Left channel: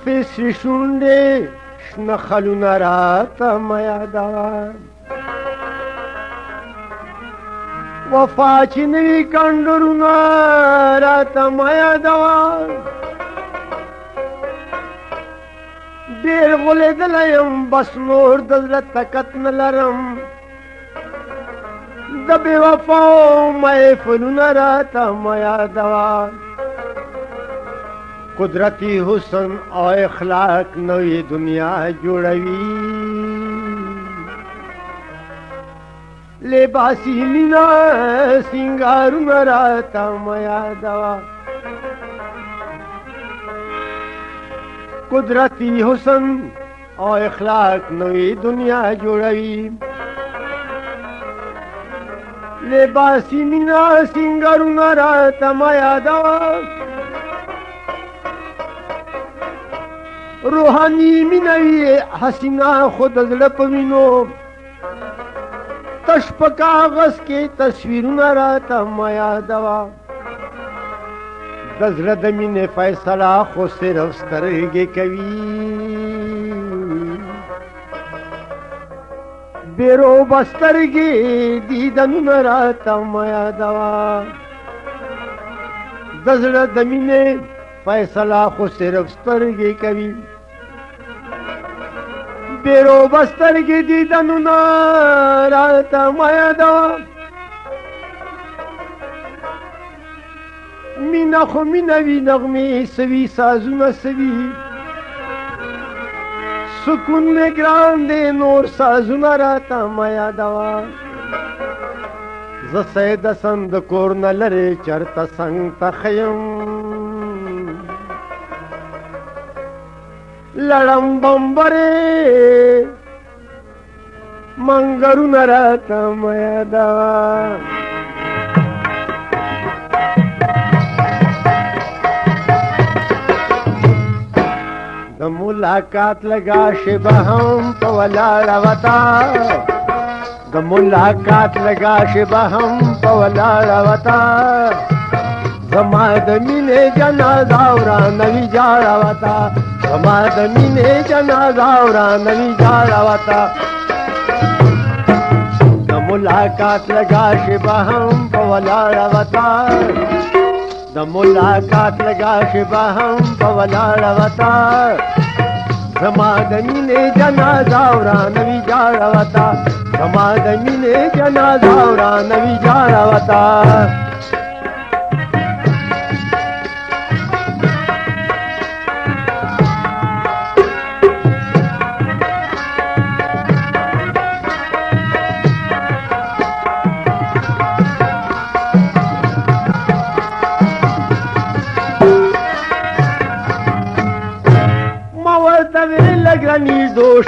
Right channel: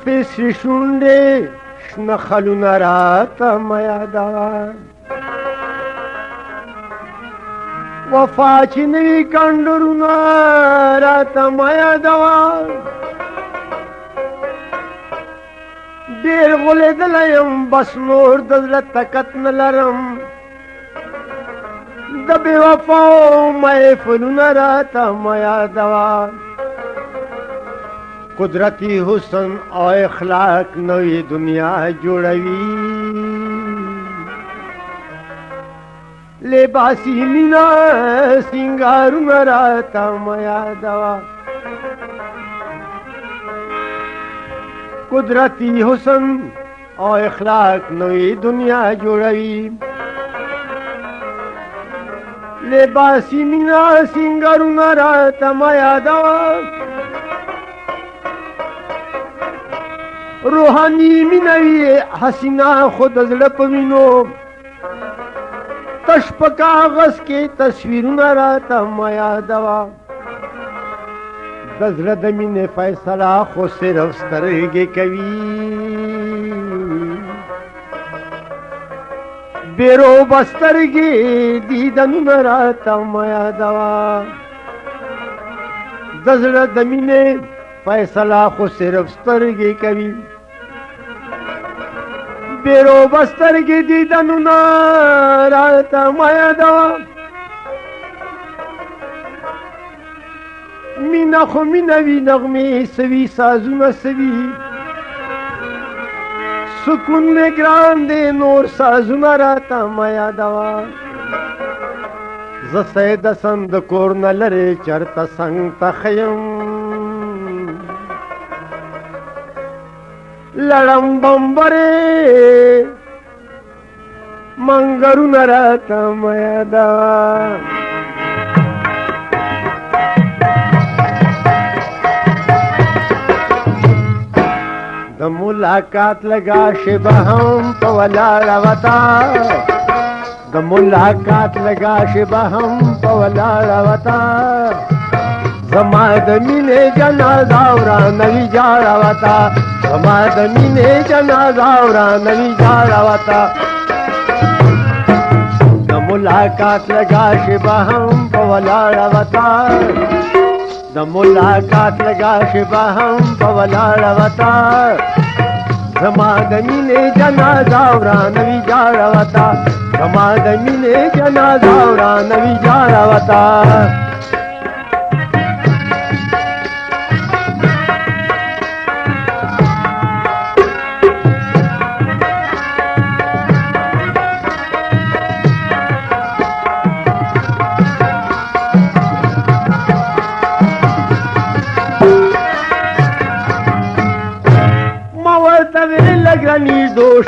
زلفې سرې شونډې شنه خلونه راته مه یادوه وفا چې نوي کنډرونه راته مه یادوه ډېر غولېدلی یم بس نور د زړه طاقت نه لرم د بې وفاو محفلونه راته مه یادوه قدرتی حسن او اخلاق نوی دنیا جوړوي لباسي مینا سنگارونه راته مه یادوه قدرتی حسن او اخلاق نوی دنیا جوړوي لباسي مینا سنگارونه راته مه یادوه روحانی مینوی حسینا خود زړه په وینو تش په کاغذ کې تصویرونه راته مه یادوه د زړه د مینې فیصله خو صرف سترګې کوي بېروبه سترګې دیدنونه راته مه یادوه د زړه د مینې فیصله خو صرف سترګې کوي بېروبه سترګې دیدنونه راته مه یادوه مینه خو مینه وي نغمې سوي سازونه سوي سکون مې ګران دی نور سازونه راته مه یادوه زه سید حسن د کور نه لرې چرته څنګ ته ښه یم لړم بمبرې منګرونه راته مه یادوه د ملاقات لګا شبه هم په ولاړه وتا د ملاقات لګا شبه هم په ولاړه وتا زما د مینې جنازه ورانوي جاړه وتا زما د مینې جنازه ورانوي جاړه وتا د ملاقات لګا شبه هم په ولاړه وتا د ملاقات لګا شبه هم په ولاړه وتا زما د مینې جنازه ورانوي جاړه وتا زما د مینې جنازه ورانوي جاړه وتا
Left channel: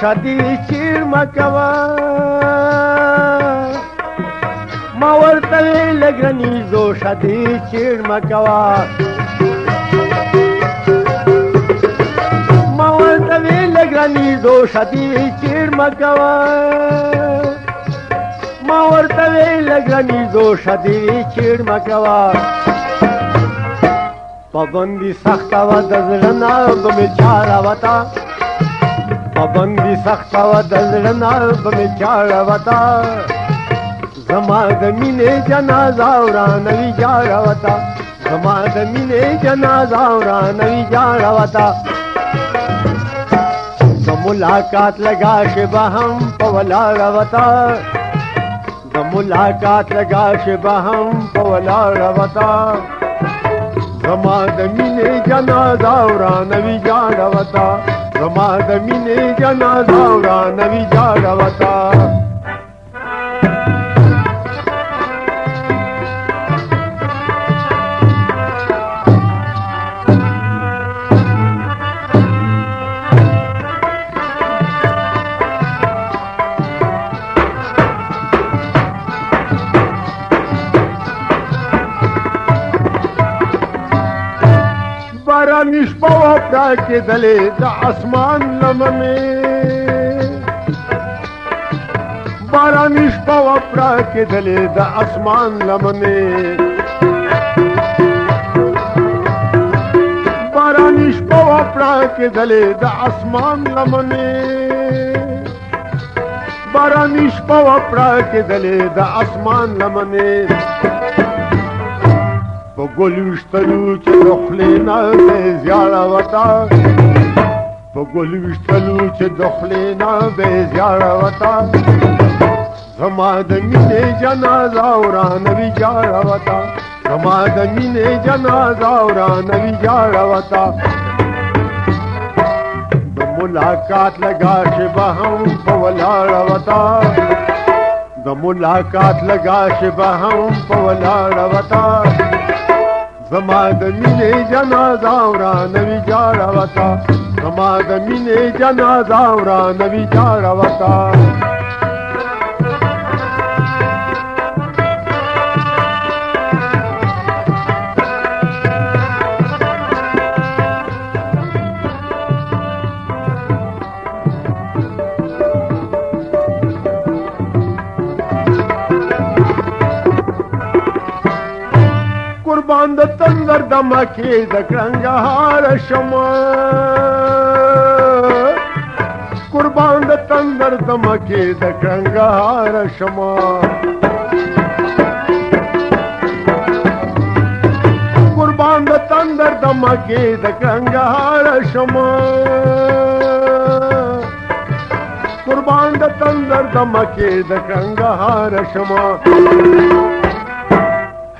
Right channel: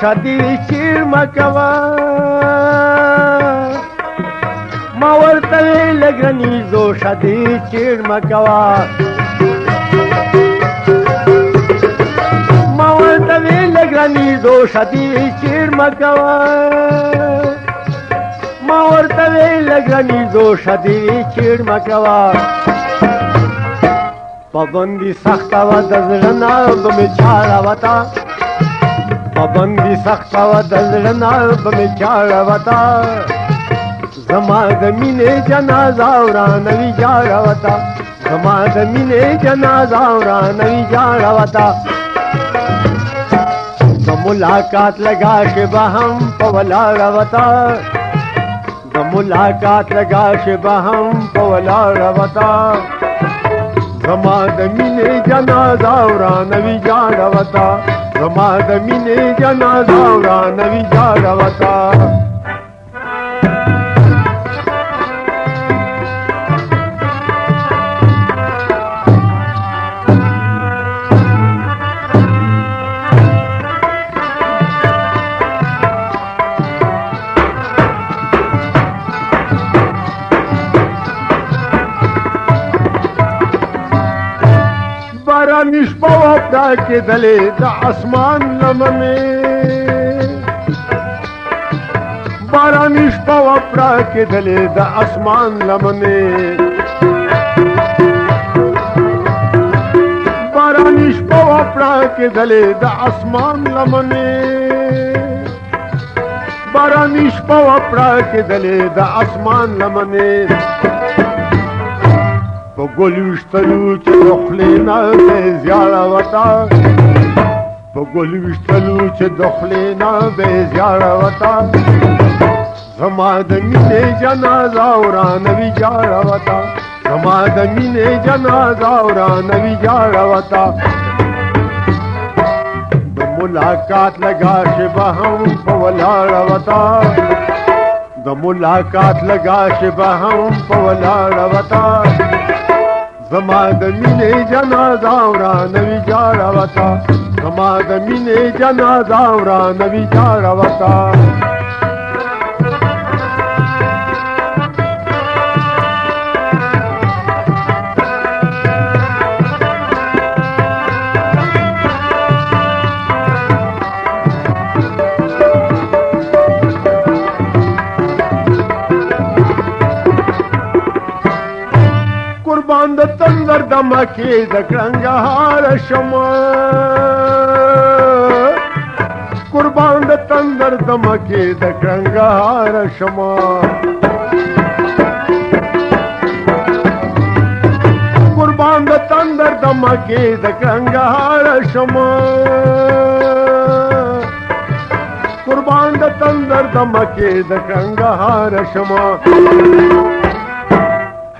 شادی چیر مکوا ما ورته لګرنی زو شادی چیر مکوا ما ورته لګرنی زو شادی چیر مکوا ما ورته لګرنی زو شادی چیر مکوا پابندی سخت و د زړه نه به می چاړه وتا پابندی سخت و د زړه نه به می چاړه وتا زما د مینې جنازه ورانوي جاړه وتا زما د مینې جنازه ورانوي جاړه وتا د ملاقات لګا شبه هم په ولاړه وتا د ملاقات لګا شبه هم په ولاړه وتا زما د مینې جنازه ورانوي جاړه وتا زما د مینې جنازه ورانوي جاړه وتا کې دلې د اسمان لمنې باران شپه وپرا کې دلې د اسمان لمنې باران شپه وپرا کې کېدلې د اسمان لمنې باراني شپه وه پړه کېدلې د اسمان لمنې په ګل ویشتلو چې د خولې نه دی زیاړه وته په ګل ویشتلو چې د خولې نه دی زیاړه وته زما د مینې جنازه ورانوي جاړه وته زما د مینې جنازه ورانوي جاړه وته د ملاقات لگا شبه هم په ولاړه وته د ملاقات لگا شبه هم په ولاړه وته زما د مینې جنازه ورانوي جاړه وته زما د مینې جنازه ورانوي جاړه وته تندر دمکی د کرنګهار شمه قربان د تندر دمکی د کرنګهار شمه قربان د تندر دمکی د کرنګهار شمه قربان د تندر دمکی د کرنګهار شمه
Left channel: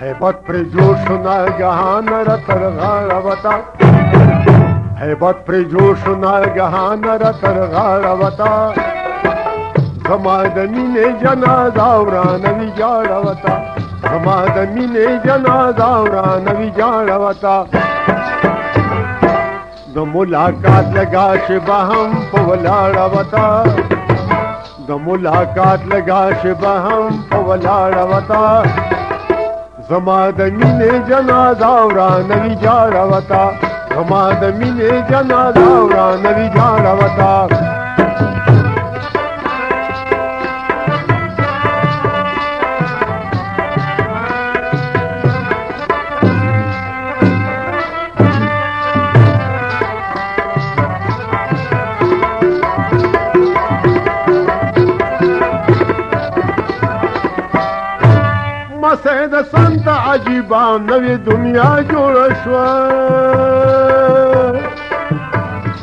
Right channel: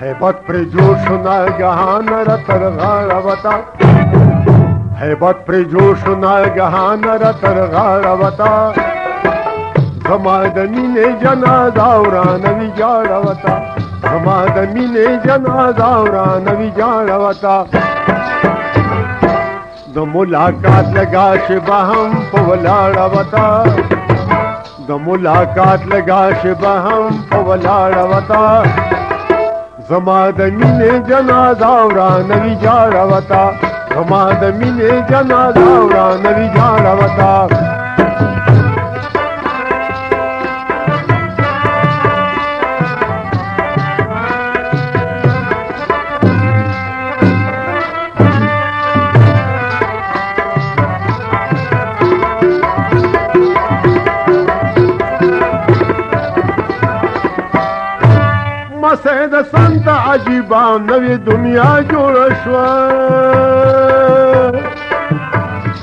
हैबत पर जोश नागहान रतर गारवता हैबत पर जोश नागहान रतर गारवता समादमी ने जनाजा उरानवी जाड़वता समादमी ने जनाजा उरानवी जाड़वता द मुलाकात लगा शिबहम पवलाड़वता द मुलाकात लगा शिबहम पवलाड़वता زما د مینې جنازه ورانوي جاړه وته زما د مینې جنازه ورانوي جاړه وته مسید سنت عجیبا نوی دنیا جوړ شوه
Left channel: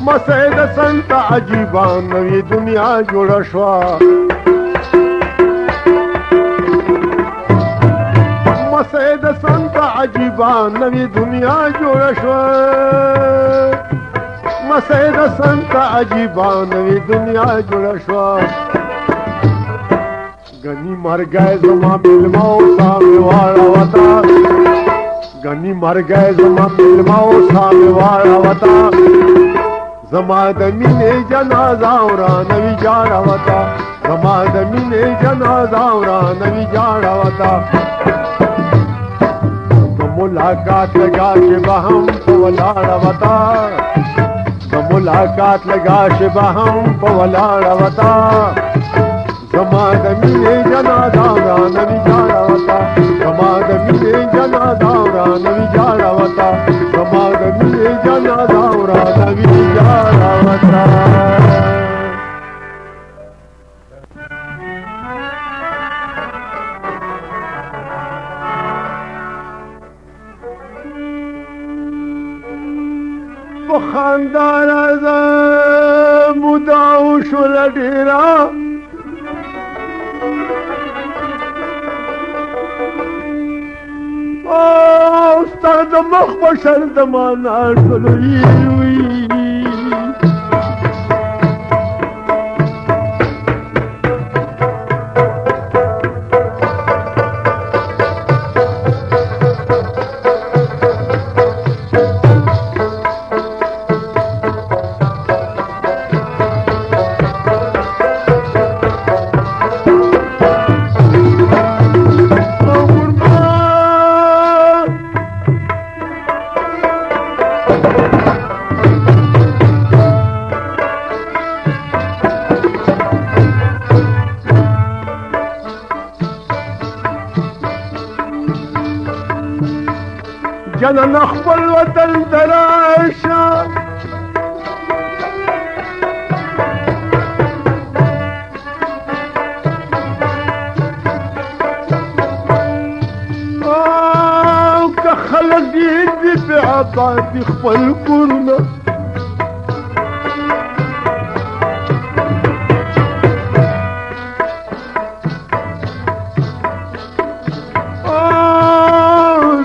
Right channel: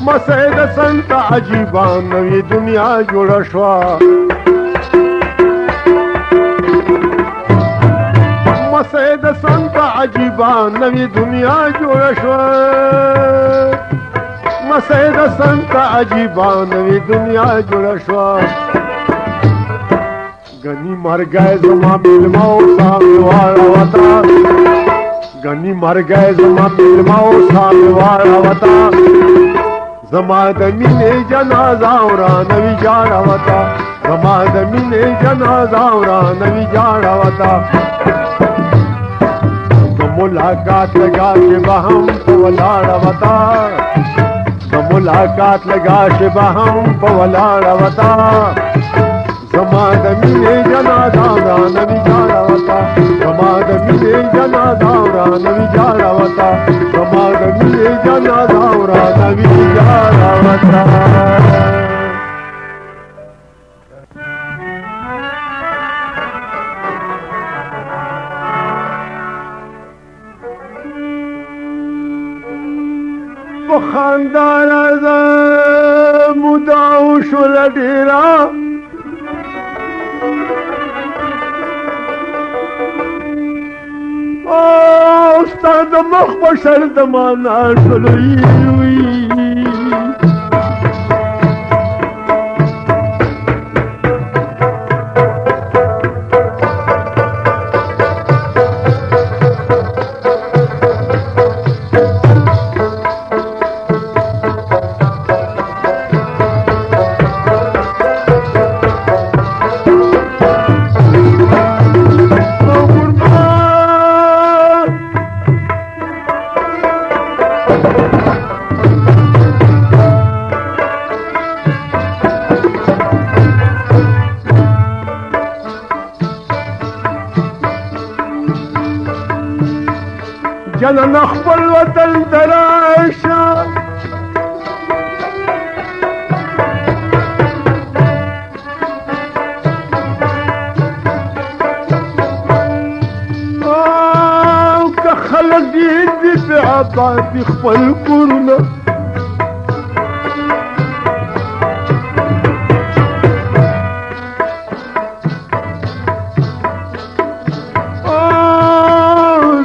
مسید سنت عجیبا نوی دنیا جوړ شوه مسید سنت عجیبا نوی دنیا جوړ شوه مسید سنت عجیبا نوی دنیا جوړ شوه गनी मर गए जमा मिलवाओ सामे वाला वता गनी मर गए जमा मिलवाओ सामे वाला वता जमा दमी ने जनाजा उरानवी जाड़ा वता जमा दमी ने जनाजा उरानवी जाड़ा वता तो मुलाकात लगा शिबहम पवलाड़ा वता तो मुलाकात लगा शिबहम पवलाड़ा वता समाद मिले जनादा उरानवी जाड़वता समाद मिले जनादा उरानवी जाड़वता समाद मिले जनादा उरानवी जाड़वता बखानदार मुदाऊ शुल डेरा استاد مخ بشر دمانا شلوی جنن خپل وطن تراشه غږیږ دي په آباد خپل کورونه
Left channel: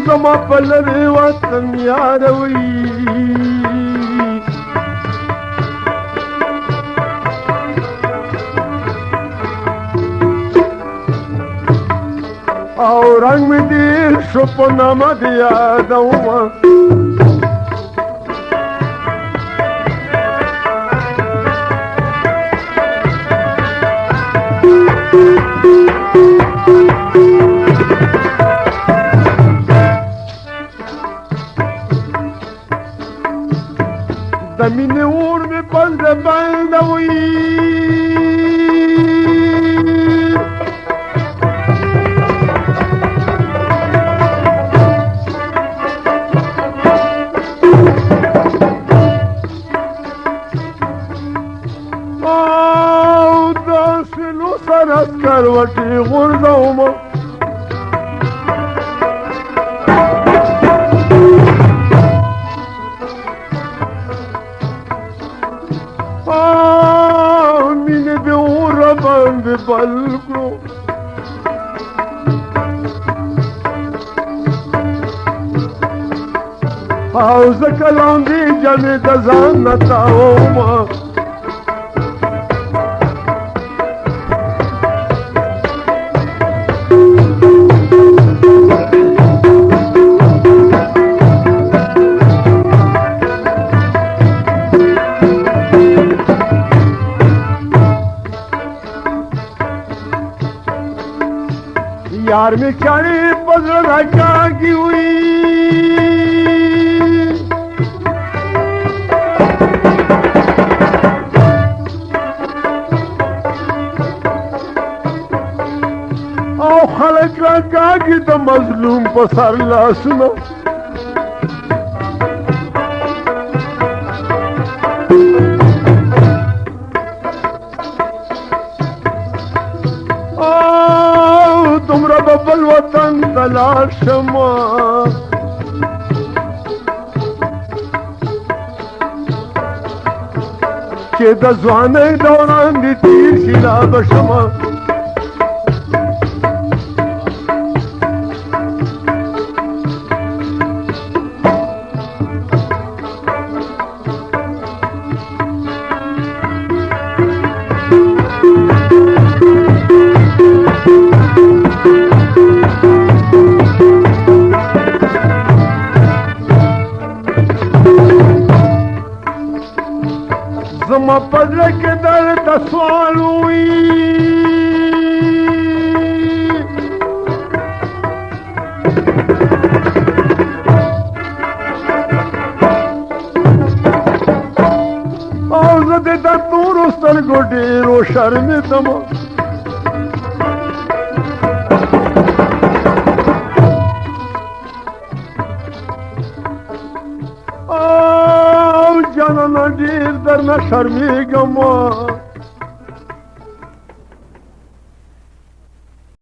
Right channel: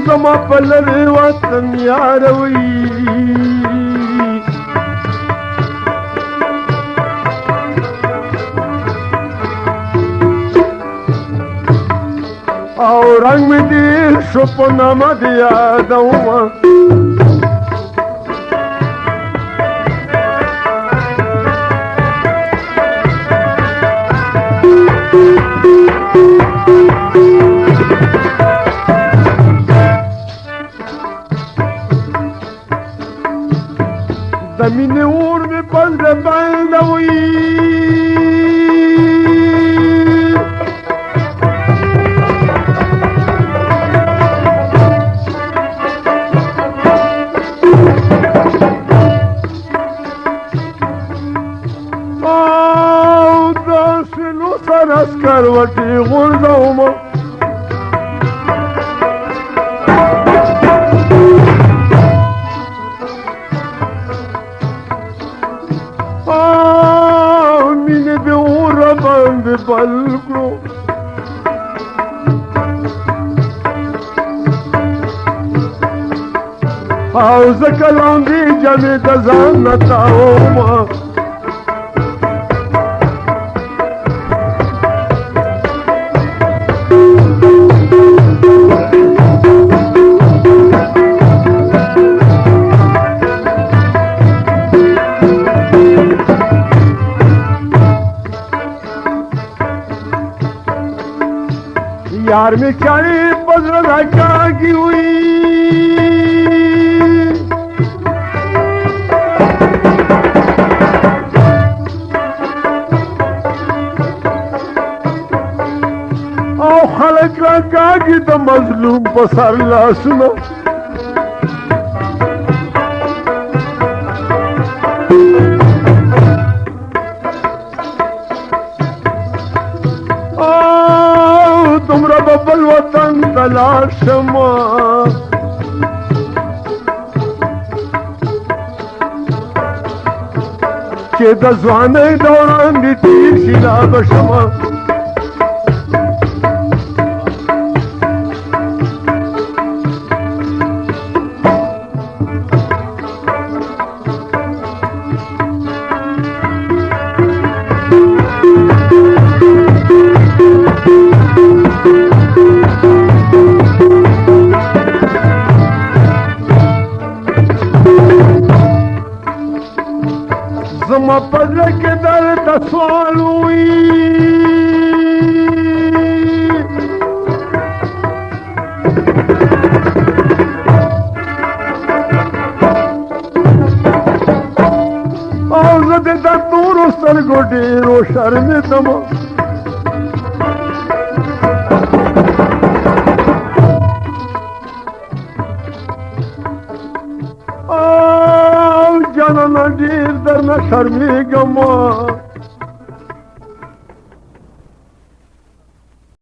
زما په لرې وطن یاروي رنگ می دیر شو په نامه د یادومه د مینې اور مې پس د بندوي کروټي غورځومه مینې د اوره باندې بل کړو او زه کلاندې جامې د ځان نه تاومه यार में चारे पगला जागी हुई او खलक जागी तो मजलूम पसर ला सुनो तुमरा बबल वतन तलाश मा چې د ځوانۍ دوران دې تیر شي لا بشمه زما پزړه کې درته سوال وي او زه د تورو سترګو ډېرو شرمېدم جانانه ډېر درنه شرمېږم